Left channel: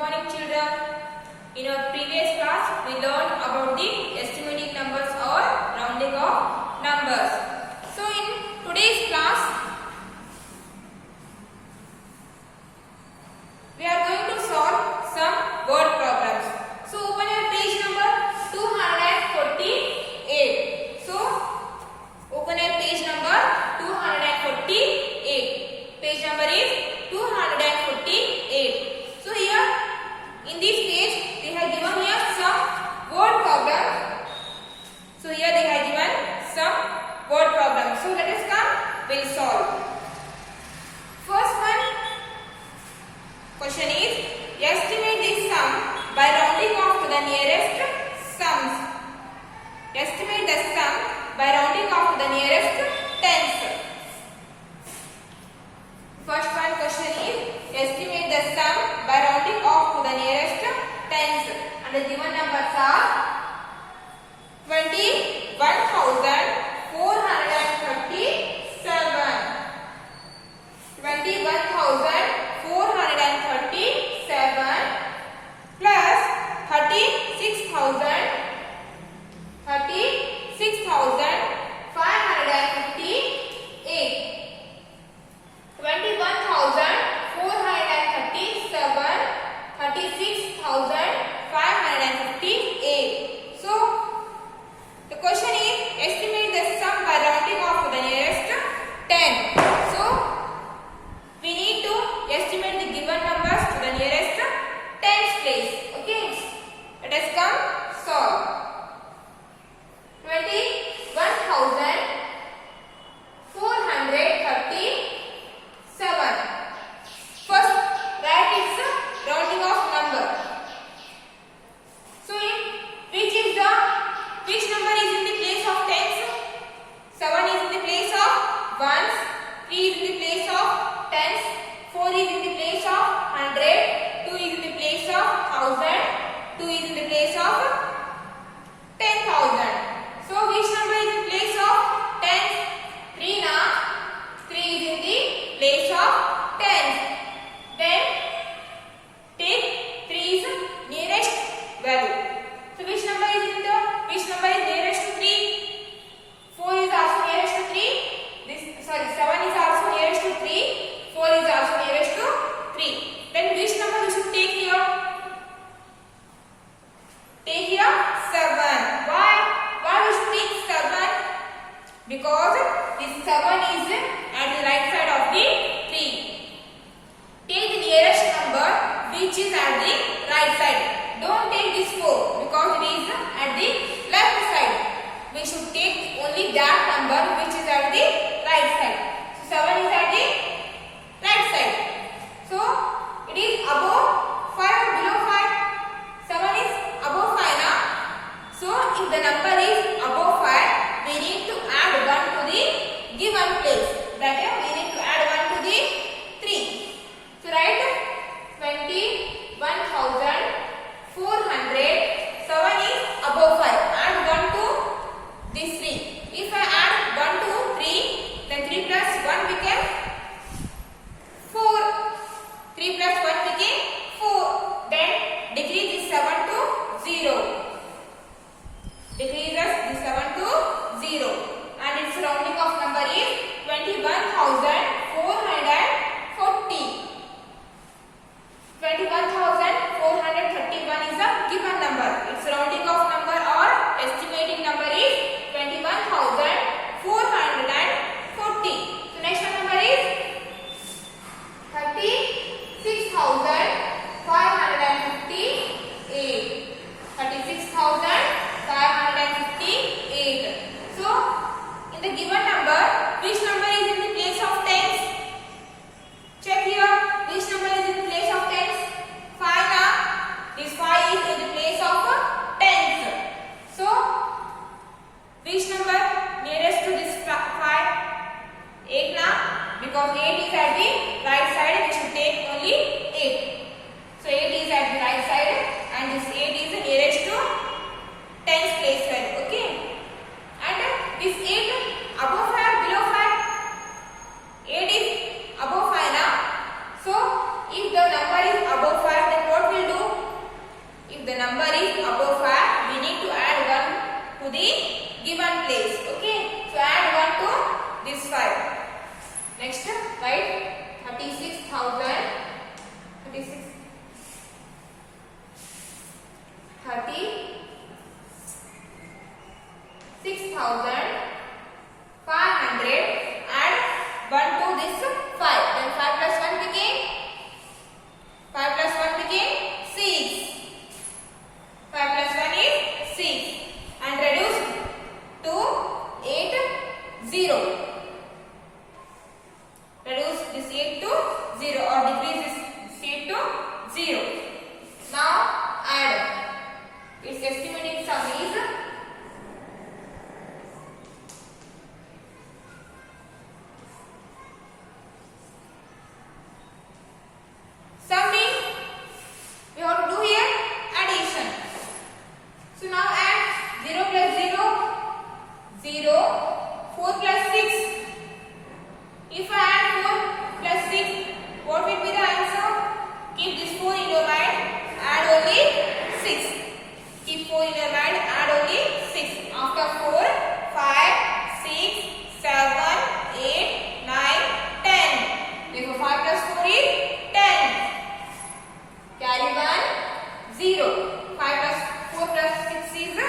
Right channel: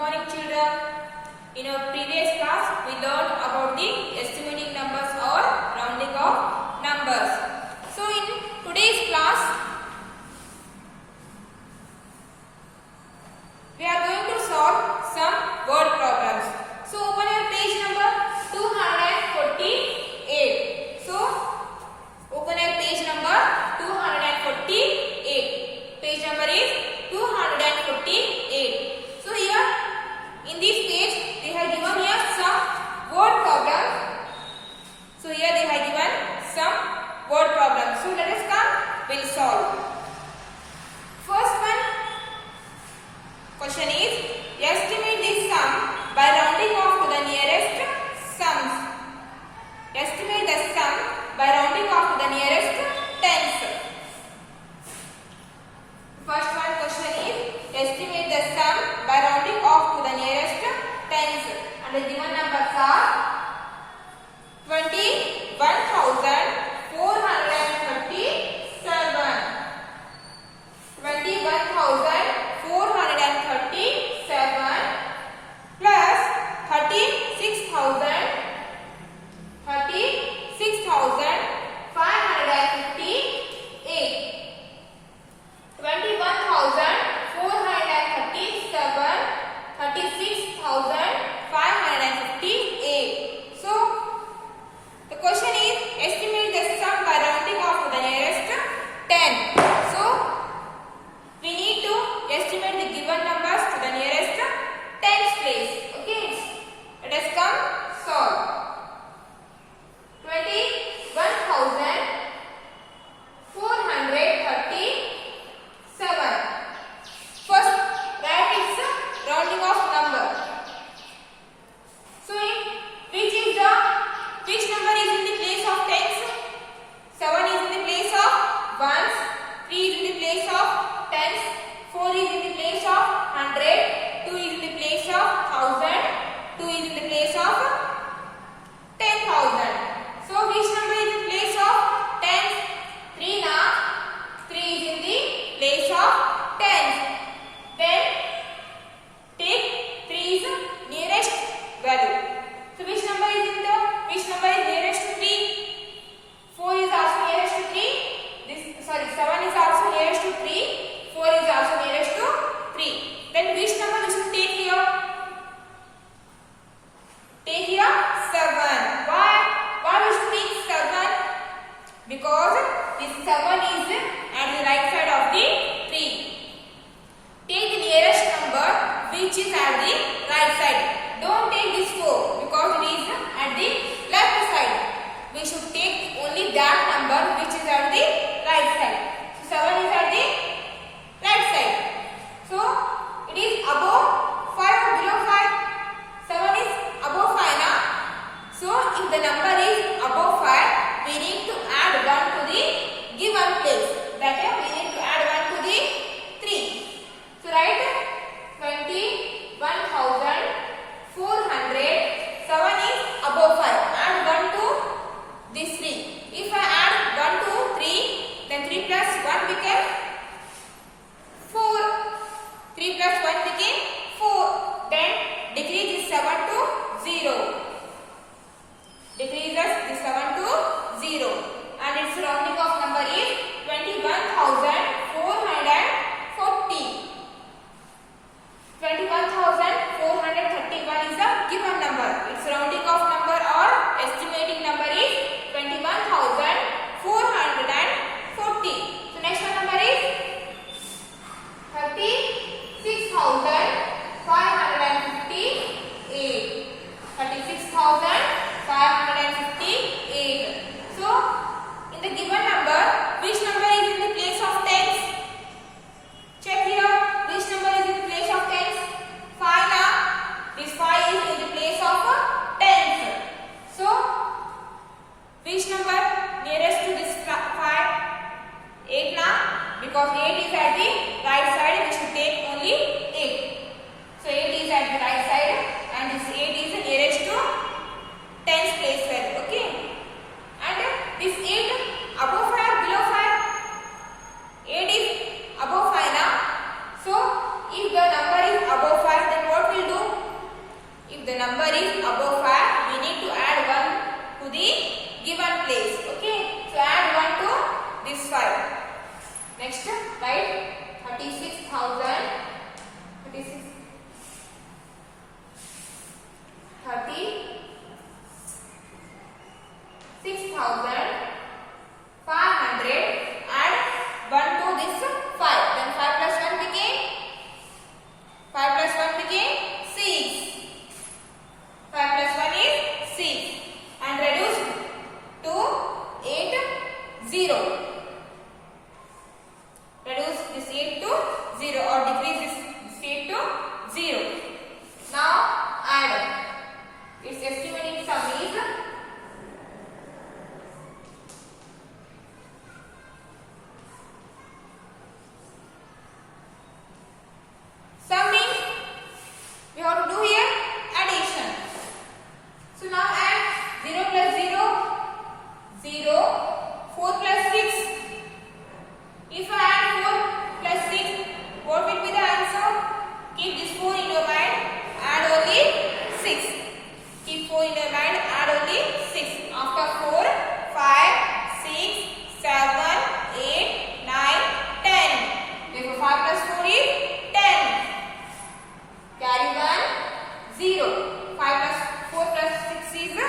morning children. In our previous class we learned about the estimating numbers or rounding of numbers. So in today's class we are going to solve some word problems. So open your page number 248. So open your page number 248. Page number is 248. So here in this page they have given here some word problems. So here they have given some word problems. So let us come, we'll solve. First one question is, estimate this sum by rounding off to the nearest sums. Estimate the sum by rounding off to the nearest tens. First one question is, estimate the sum by rounding off to the nearest tens. And the given numbers are 21,437, 21,437 plus 36,558. 21,437, 36,558. So the question is, estimate the sum by rounding off to the nearest 10. So we need to estimate the given numbers to the nearest tens place. Okay, let us come solve. 21,437. First write its rounding off number. So which number is in the place of tens? 7 is in the place of ones, 3 is in the place of tens, 4 is in the place of 100, 2 is in the place of 1000, 2 is in the place of 10,000. So which number is in the place of tens? 3 na? 3 is in the place of tens. Then take 3's nearest value. So which number is nearest to 3? 4 is also nearest to 3. 7 is also nearest to 3. 4 is also nearest to 3. Then which number we should take here? Take here 7. Why we should take 7? Because this 7 is at the right side of the 3. Take the nearest number which is at the right side. Don't take this 4 because it is at the left side. We should take only that number which is at the right side. So 7 is at the right side. So it is above 5 or below 5? 7 is above 5 now. So if the number is above 5, we need to add 1 to the given place. Better we need to add 1 to the 3. So write 21,400. 7 is above 5. Add 1 to this 3. If I add 1 to 3, then 3 plus 1 became 4. 3 plus 1 became 4. Then decrease this 7 to 0. Decreases this 7 to 0. And its rounding off number is 21,440. 21,431 is a given number. Its rounding off number or estimating number is 21,440. So next number is 36,558. 36,558. So in the given number, which number is in the place of tens? Check here. Which number is in the place of tens? 5 now. This 5 is in the place of tens. So which number nearest to this 5? 8 now. Because 8 is at the right side, we should take only 8. So 8 is at the right side and this 8 is nearest to tens place value. Okay. And this 8 above 5 or below 5? 8 is above 5 now. So if the number is above 5, then what will do? the number is above 5, we need to add 1 to the given place. Okay, so add 1 to this 5. Next, write 36,000. 36,500. Add 1 to this 5. Then 5 plus 1 became 6. 5 plus 1 is 6. And reduce to 8, 0. Reduce this 8 to 0 or decrease this 8 to 0. Now add. Its estimating sum is summing. We have to do here addition. So now add 0 plus 0, 0, 4 plus 6. If I add 4 plus 6, what will be the answer? Keep this 4 in your mind, add only 6. Keep 4 in your mind, add only 6. After 4, 5, 6, 7, 8, 9, 10. Therefore 5 plus 4 is 10. Carry 1, 0. 5 plus 4 plus 6 is 10.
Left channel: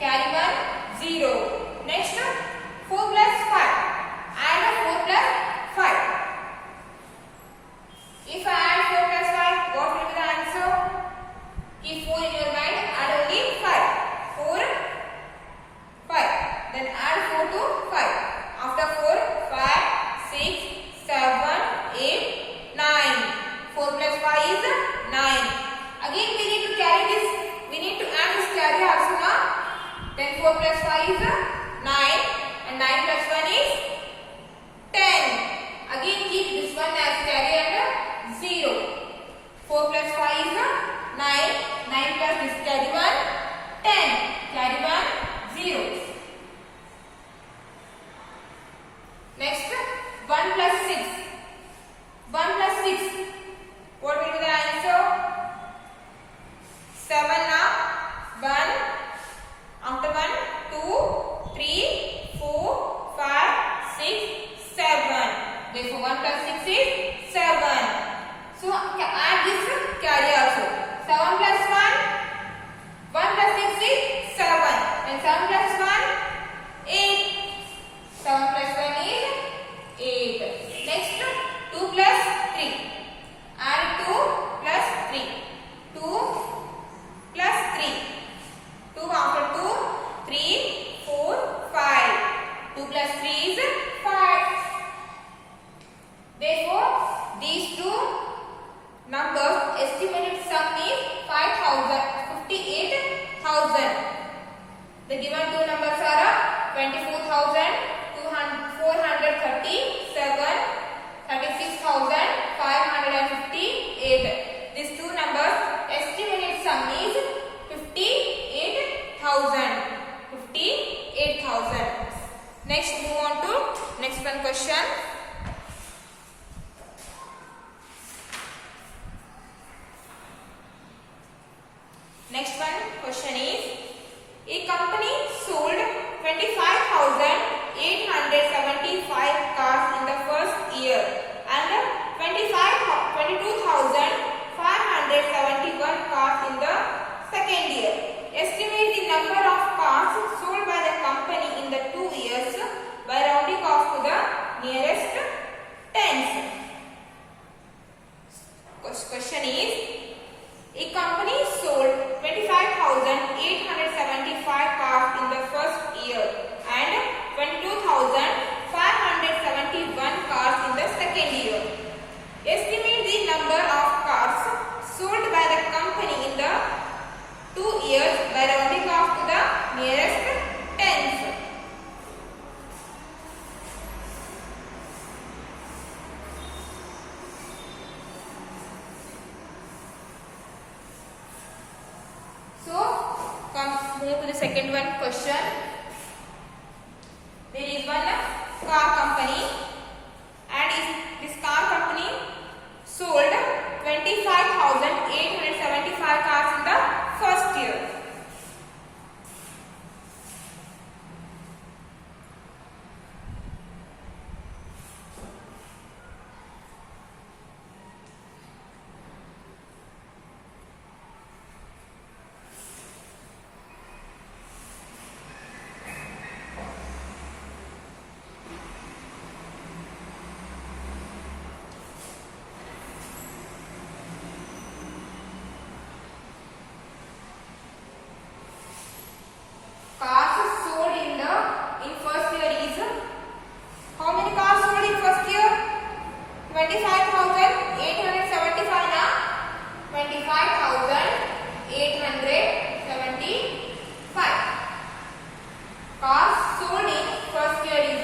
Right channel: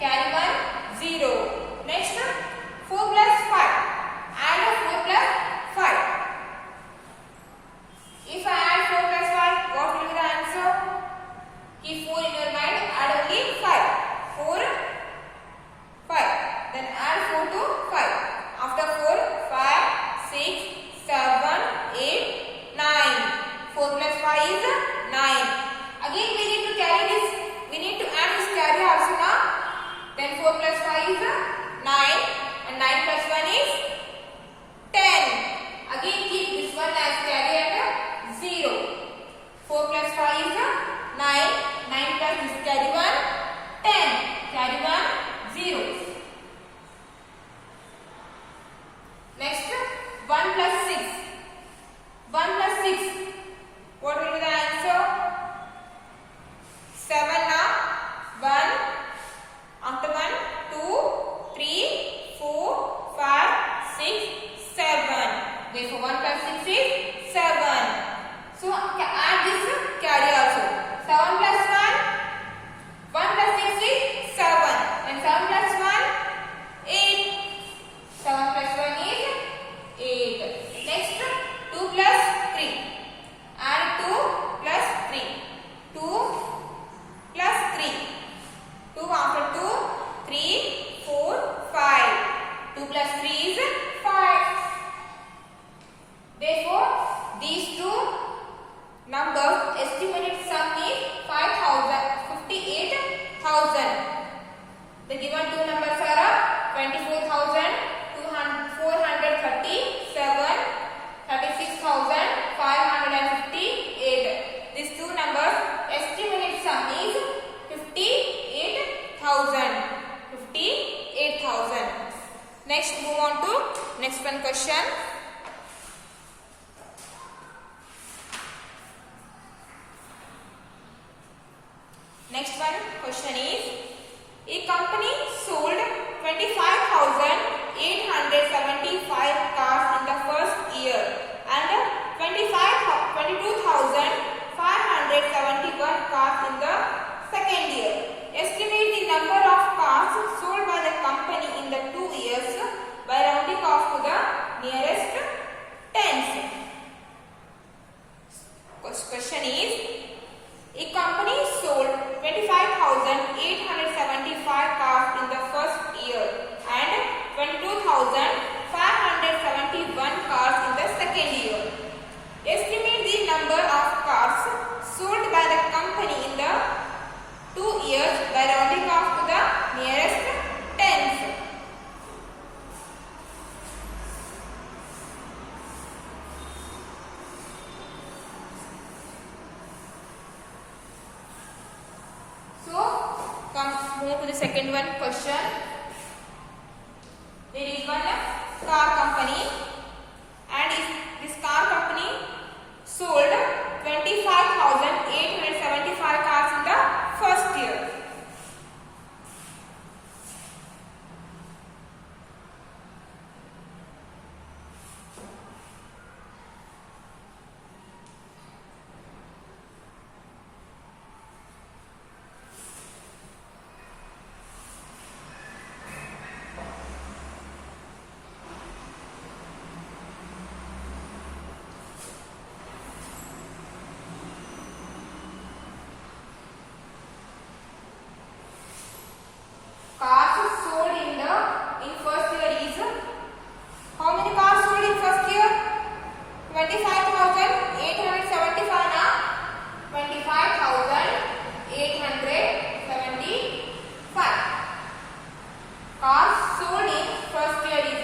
Carry 1, 0. Next, 4 plus 5. Add 4 plus 5. If I add 4 plus 5, what will be the answer? Keep 4 in your mind, add only 5. 4, 5. Then add 4 to 5. After 4, 5, 6, 7, 8, 9. 4 plus 5 is 9. Again we need to carry this. We need to add this carry also now. Then 4 plus 5 is 9. And 9 plus 1 is 10. Again keep this one as carry and 0. 4 plus 5 is 9. 9 plus this carry 1, 10. Carry 1, 0. Next, 1 plus 6. 1 plus 6. What will be the answer? 7 now. 1. After 1, 2, 3, 4, 5, 6, 7. Therefore 1 plus 6 is 7. So add this carry also. 7 plus 1. 1 plus 6 is 7. And 7 plus 1, 8. 7 plus 1 is 8. Next, 2 plus 3. Add 2 plus 3. 2 plus 3. 2 after 2, 3, 4, 5. 2 plus 3 is 5. Therefore, these two numbers estimated sum is 58,000. The given two numbers are 24,437, 36,558. These two numbers estimated sum is 58,000. Next, move on to next one question. Next one question is, a company sold 25,875 cars in the first year and 22,571 cars in the second year. Estimate the number of cars sold by the company in the 2 years by rounding off to the nearest tens. Question is, a company sold 25,875 cars in the first year and 22,571 cars in the second year. Estimate the number of cars sold by the company in the 2 years by rounding off to the nearest tens. So, move to the second one question. There is one car company, and this car company sold 25,875 cars 25,875. Cars sold in first year is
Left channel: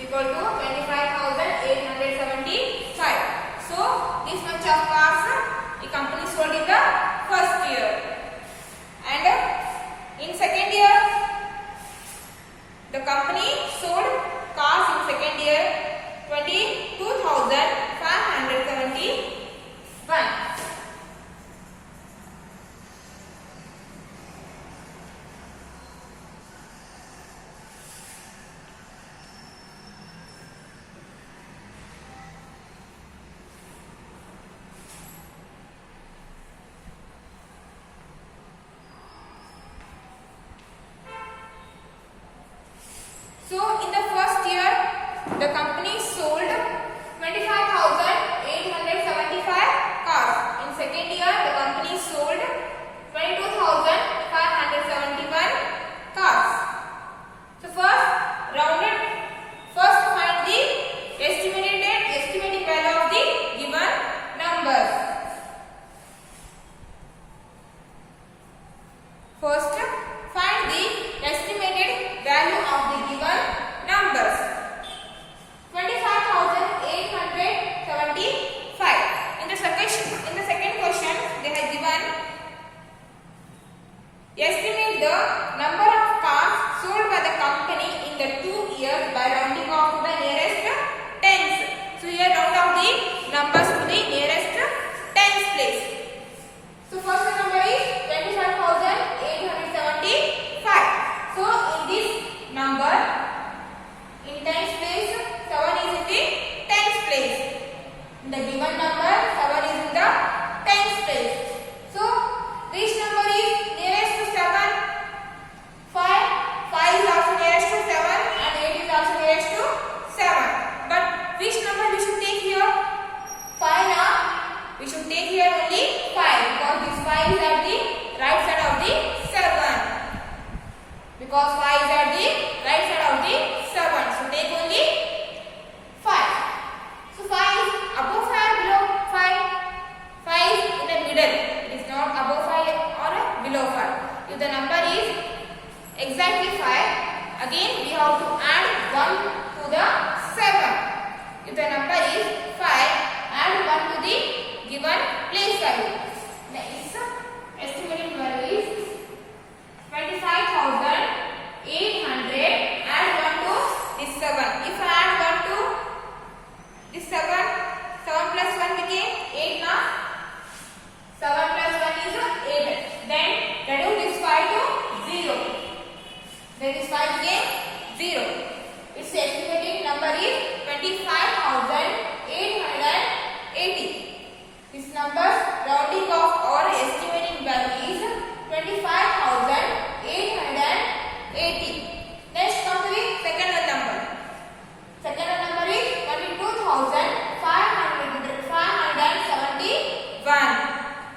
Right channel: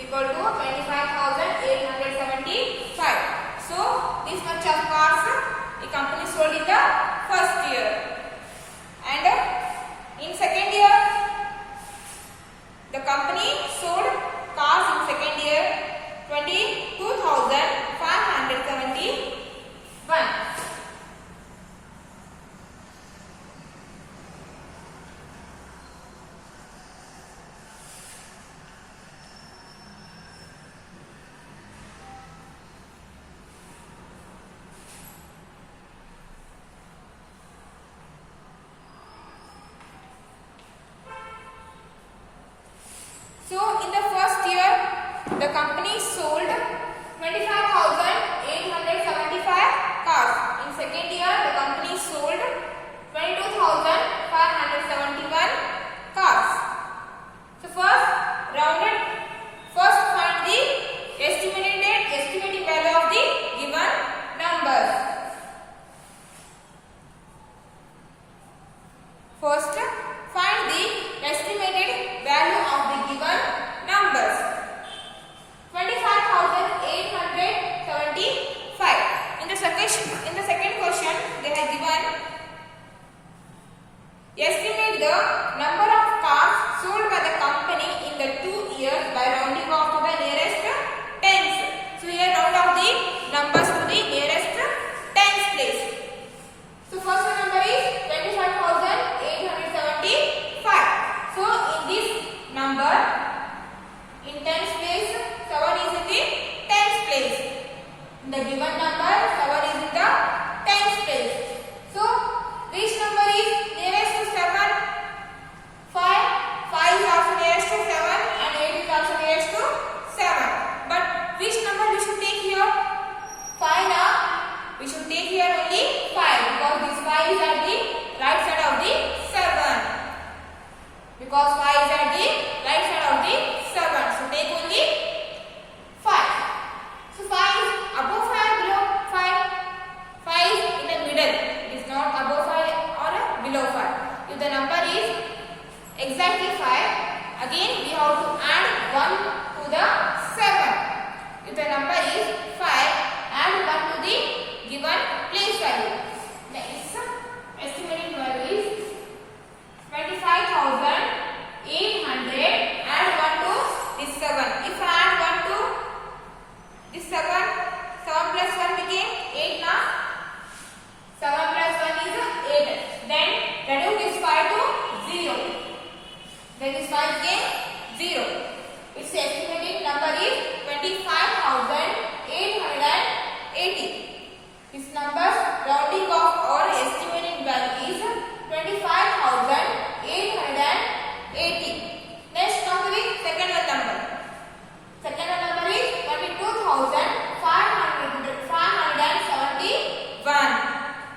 equal to 25,875. So this much of cars the company sold in the first year, and in second year the company sold cars in second year 22,571. So in the first year the company sold 25,875 cars. In second year the company sold 22,571 cars. So first find the estimating value of the given numbers. First find the estimated value of the given numbers. 25,875. In the second question they have given estimate the number of cars sold by the company in the 2 years by rounding off to the nearest tens. So here round off the numbers to the nearest tens place. So first number is 25,875. So in this number in tens place 7 is in the tens place. In the given number 7 is in the tens place. So which number is nearest to 7? 5 is also nearest to 7 and 8 is also nearest to 7. But which number we should take here? 5 now. We should take here only 5 because this 5 is at the right side of the 7. Because 5 is at the right side of the 7. So take only 5. So 5 is above 5 or below 5? 5 is in the middle. It is not above 5 or below 5. If the number is exactly 5, again we have to add 1 to the 7. If the number is 5, add 1 to the given place value. Next estimated value is 25,800. Add 1 to this 7. If I add 1 to this 7 plus 1 became 8 now. 7 plus 1 is 8. Then reduce this 5 to 0. Then this 5 became 0. Its estimated number is 25,880. This number's rounding off or estimated value is 25,880. Next come to the second number. Second number is 22,571.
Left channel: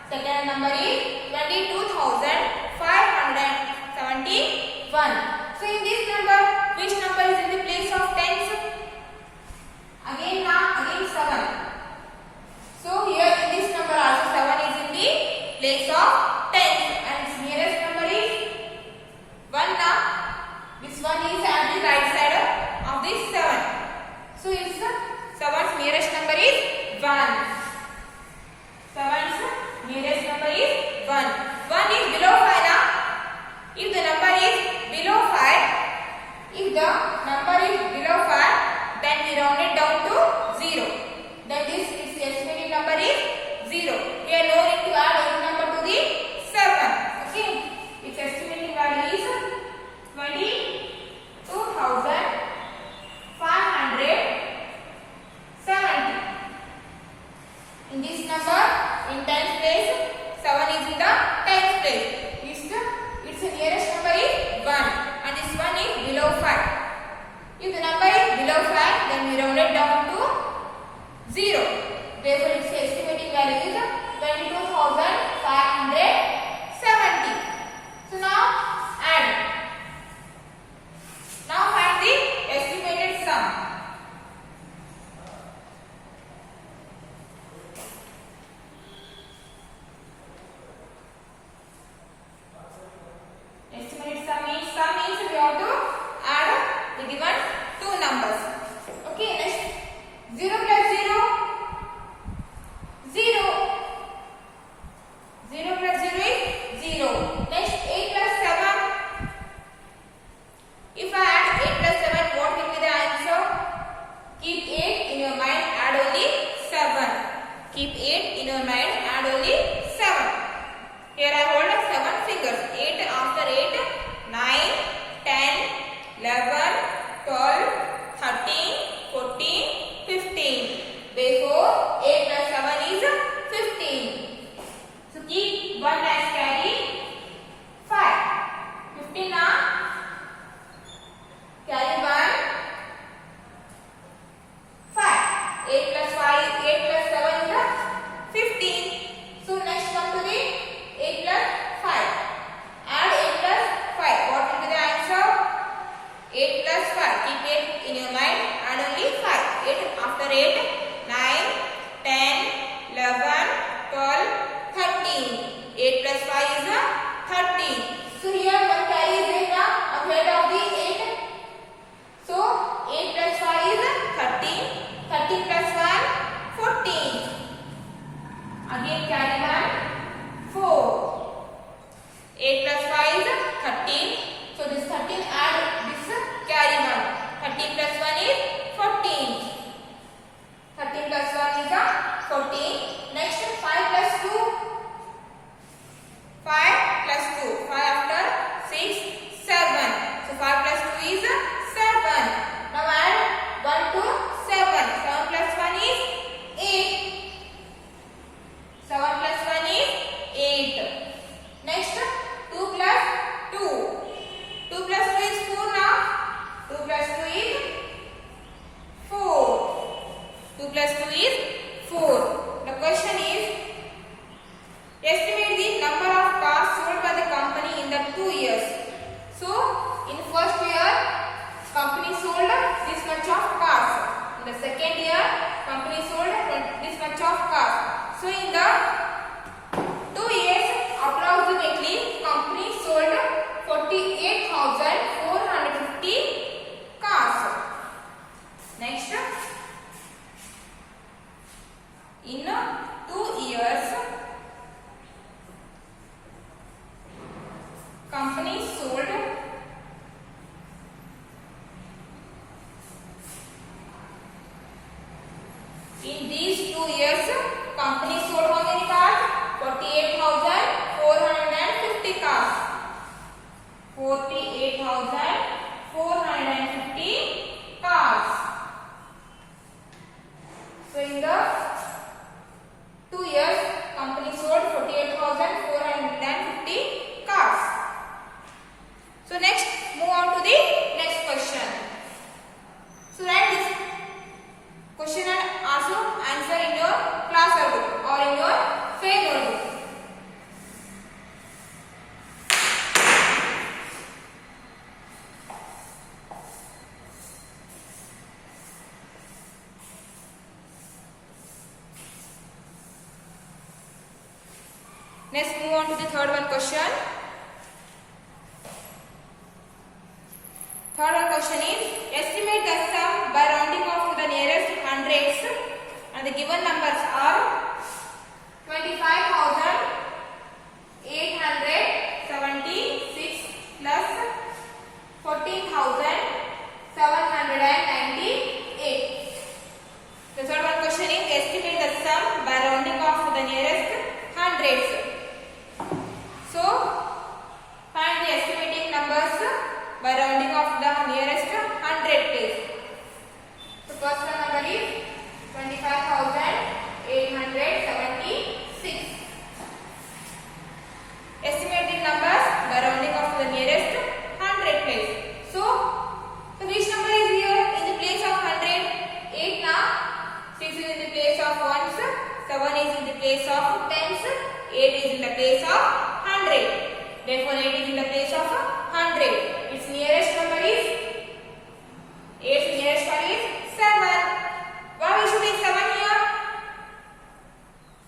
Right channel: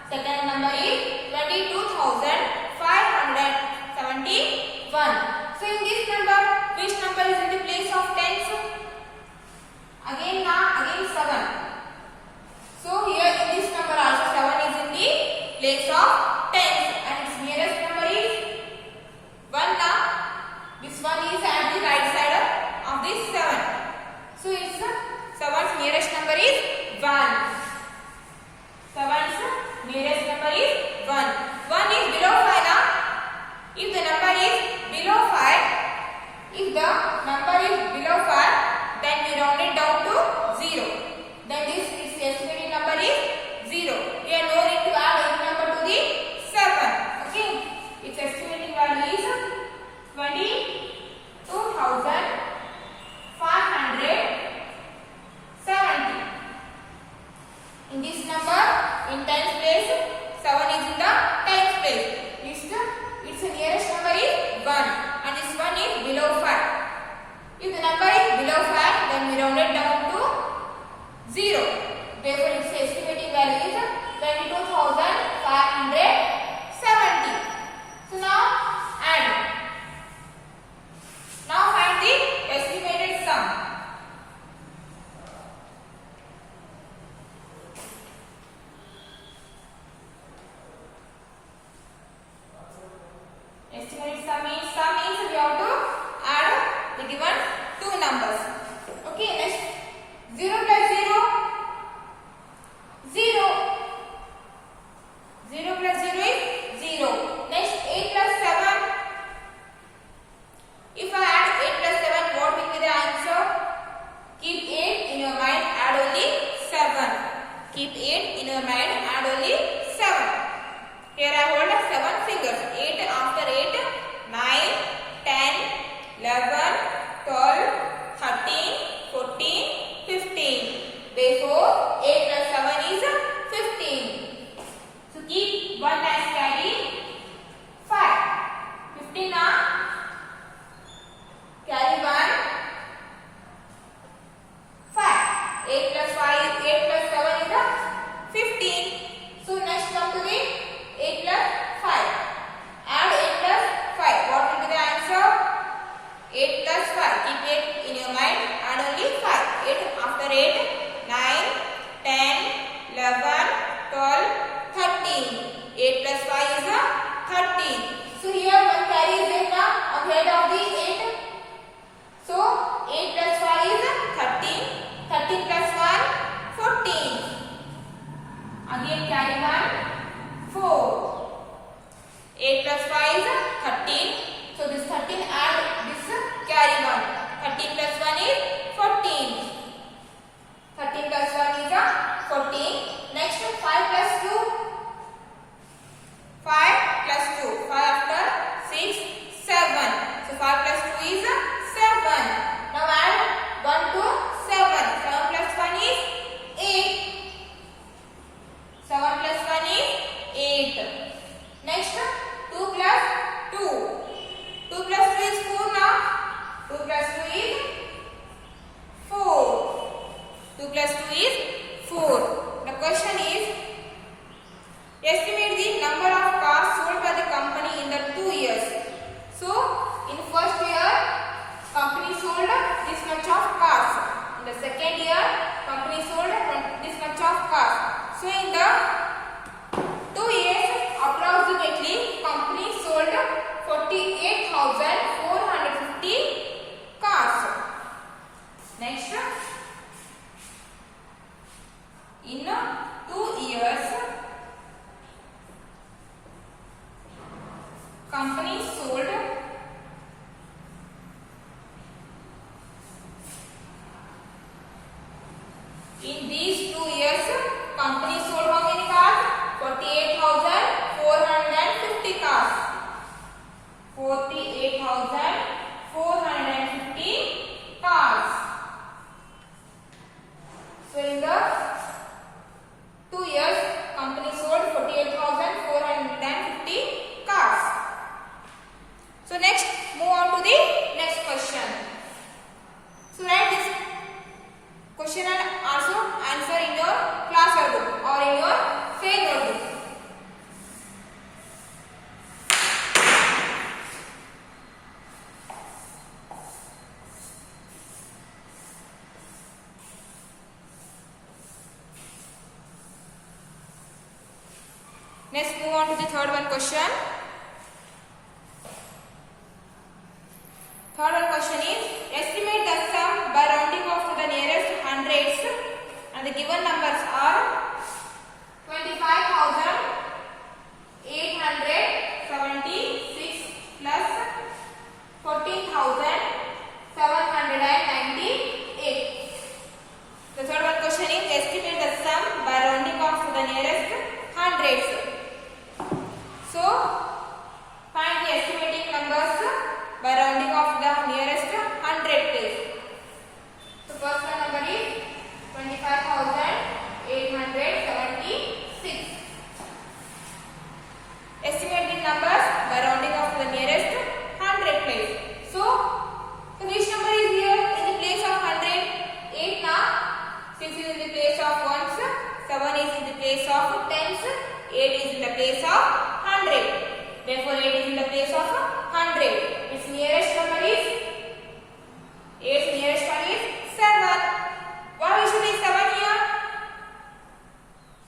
Second number is 22,571. So in this number, which number is in the place of tens? Again 7. So here in this number also 7 is in the place of tens and its nearest number is 1 now. This one is at the right side of this 7. So its 7's nearest number is 1. 7's nearest number is 1. 1 is below 5 now. If the number is below 5, then we round it down to 0. Then this its estimated number is 0. We are no need to add any number to the 7. Okay. Its estimated value is 22,570. In this number, in tens place, 7 is in the tens place. Its nearest number is 1 and this one is below 5. If the number is below 5, then we round it down to 0. Therefore, its estimated value is 22,570. So now add. Now find the estimated sum. Keep 8 in your mind and only 7. Here I hold 7 fingers. 8 after 8, 9, 10, 11, 12, 13, 14, 15. Therefore, 8 plus 7 is 15. So keep 1 as carry 5. 15 now. Carry 1. 5. 8 plus 5, 8 plus 7 is 15. So next come to the 8 plus 5. Add 8 plus 5. What will be the answer? 8 plus 5. Keep 8 in your mind and only 5. 8 after 8, 9, 10, 11, 12, 13. 8 plus 5 is 13. So here one carry is there now ahead of the 8. So 8 plus 5 is 13. 13 plus 1, 14. Again carry 1, 4. 8 plus 5 is 13. So this 13 add this carry 1. 13 plus 1 is 14. 13 plus 1 is 14. Next 5 plus 2. 5 plus 2. 5 after 6, 7. So 5 plus 2 is 7. Now add 1 to 7. 7 plus 1 is 8. 7 plus 1 is 8. Next 2 plus 2. 2 plus 2 is 4 now. 2 plus 2 is 4. 2 plus 2 is 4. The question is, estimate the number of cars sold by the company in the 2 years. So, in first year, company sold this much of cars. In the second year, company sold this much of cars. So, in the 2 years, approximately, company sold 48,450 cars. Next, in 2 years, company sold in these 2 years, company sold how many cars? 48,450 cars. 48,450 cars. So in the 2 years, company sold 48,450 cars. So next, move on to the next question. So write this question and also answer in your class notebook or in your fair notebook. Next, move on to the third one question. Third one question is, estimate the sum by rounding off to the nearest hundreds, and the given numbers are 25,876 plus 14,798. The third one question is, estimate the sum by rounding off to the nearest hundreds. So, find the estimating numbers by rounding off the nearest 100 place. So, first one number is 25,876. Estimate the numbers by rounding off to the nearest 100 place. So which number is here in the place of 100? 8 now. 6 is in the place of ones. 7 is in the place of tens. 8 is in the place of 100. Therefore, 8 is in the place of 100. Its nearest number is 8's nearest one is 7. Why we should take 7 here?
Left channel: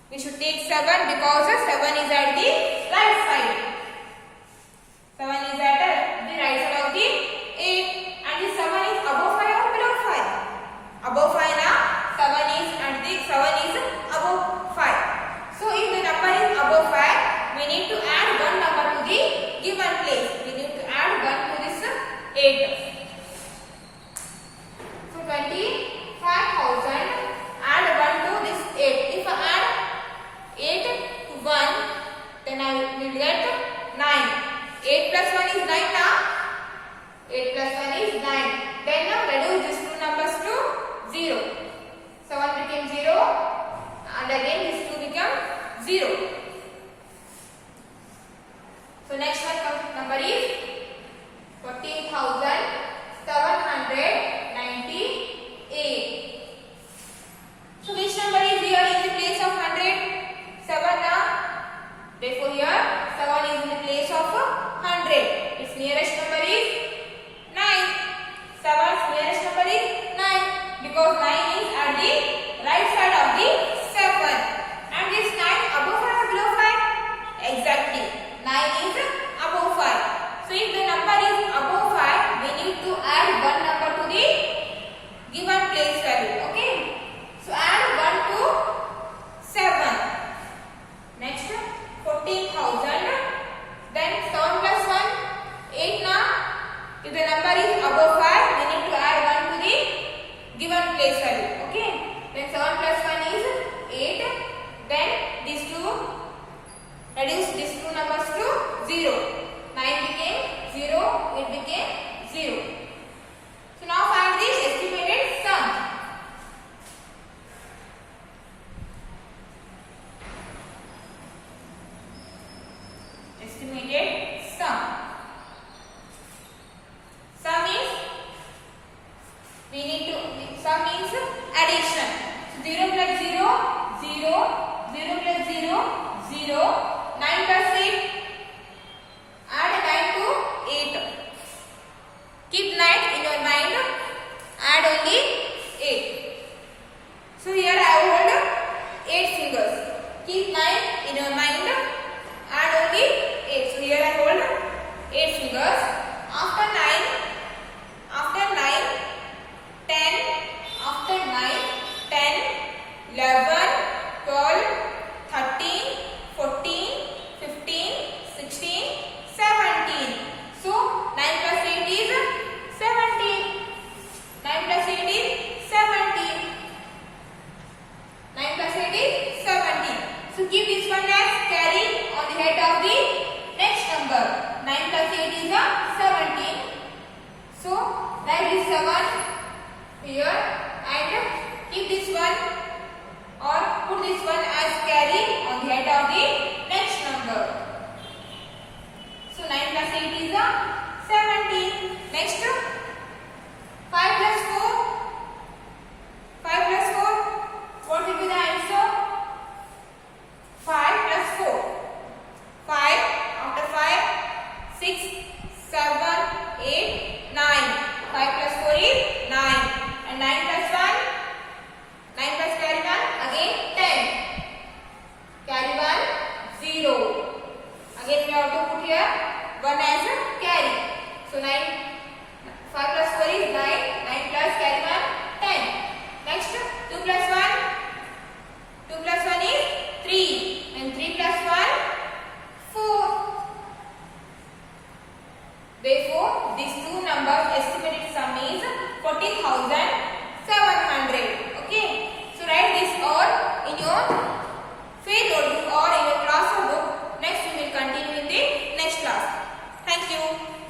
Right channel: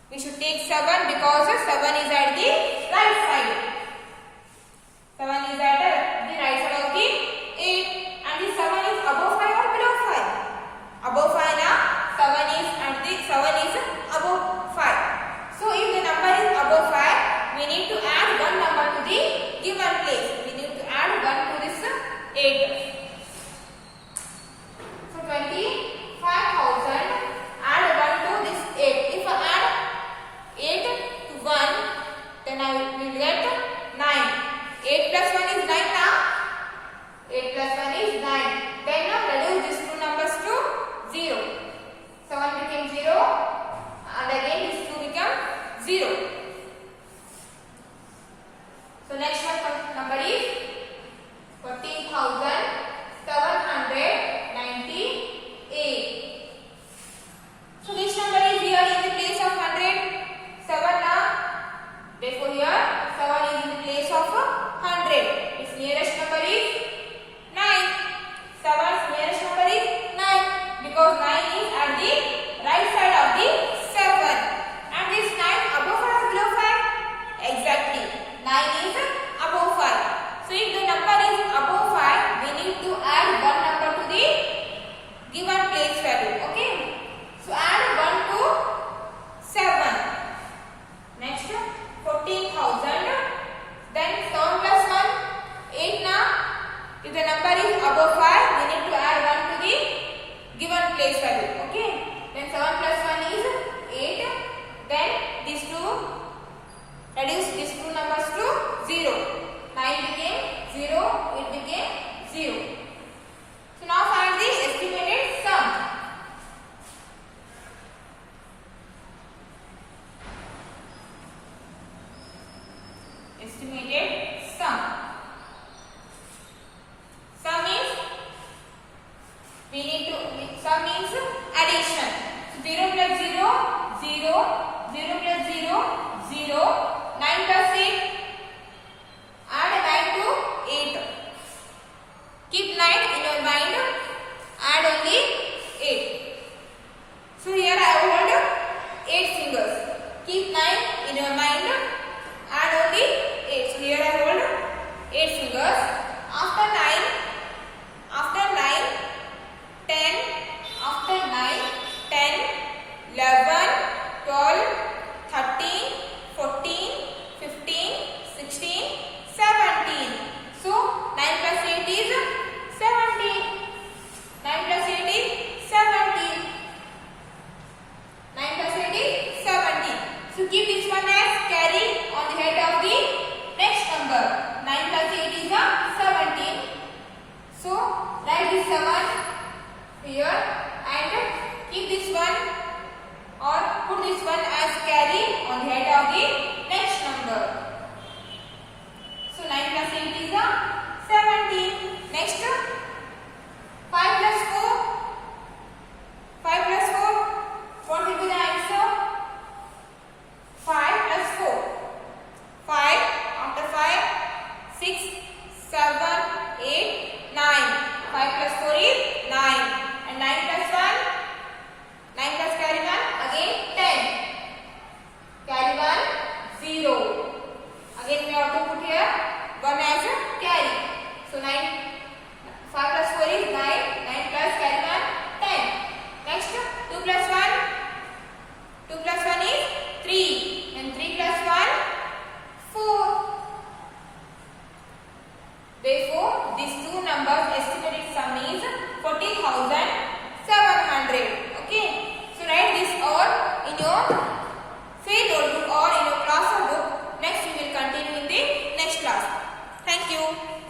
We should take 7 because 7 is at the right side. 7 is at the right side of the 8, and the 7 is above 5 or below 5? Above 5 now. 7 is above 5. So if the number is above 5, we need to add one number to the given place. We need to add 1 to this 8. So 25,000, add 1 to this 8. If I add 0. 9 plus 8. Add 9 to 8. Keep 9 in your mind. Add only 8. So here I hold 8 fingers. Keep 9 in your mind. Add only 8. So here I hold 8 fingers. After 9, 10. After 9, 10, 11, 12, 13, 14, 15, 16, 17. So 9 plus 8 is 17. 9 plus 8 is 17. 9 plus 8 is 17. So keep this one as carry on the head of the next number. 9 plus 8 is 17. So write this 7 here and keep this one or put this one as carry on the head of the next number. So 9 plus 8 is 17. Next 5 plus 4. 5 plus 4. What will be the answer? 5 plus 4. 5. After 5. 6, 7, 8, 9. 5 plus 4 is 9. And 9 plus 1. 9 plus carry 1. Again 10. Carry 1. 0. Again we have to put here 1 as a carry. So 9. 5 plus 4 is 9. 9 plus carry 1. 10. Next 2 plus 1. 2 plus 1 is 3. And 3 plus 1. 4. Therefore, these two numbers estimated sum is 40,700. Okay. So write this all in your field notebook or in your class book. Next we will continue in the next class. Thank you.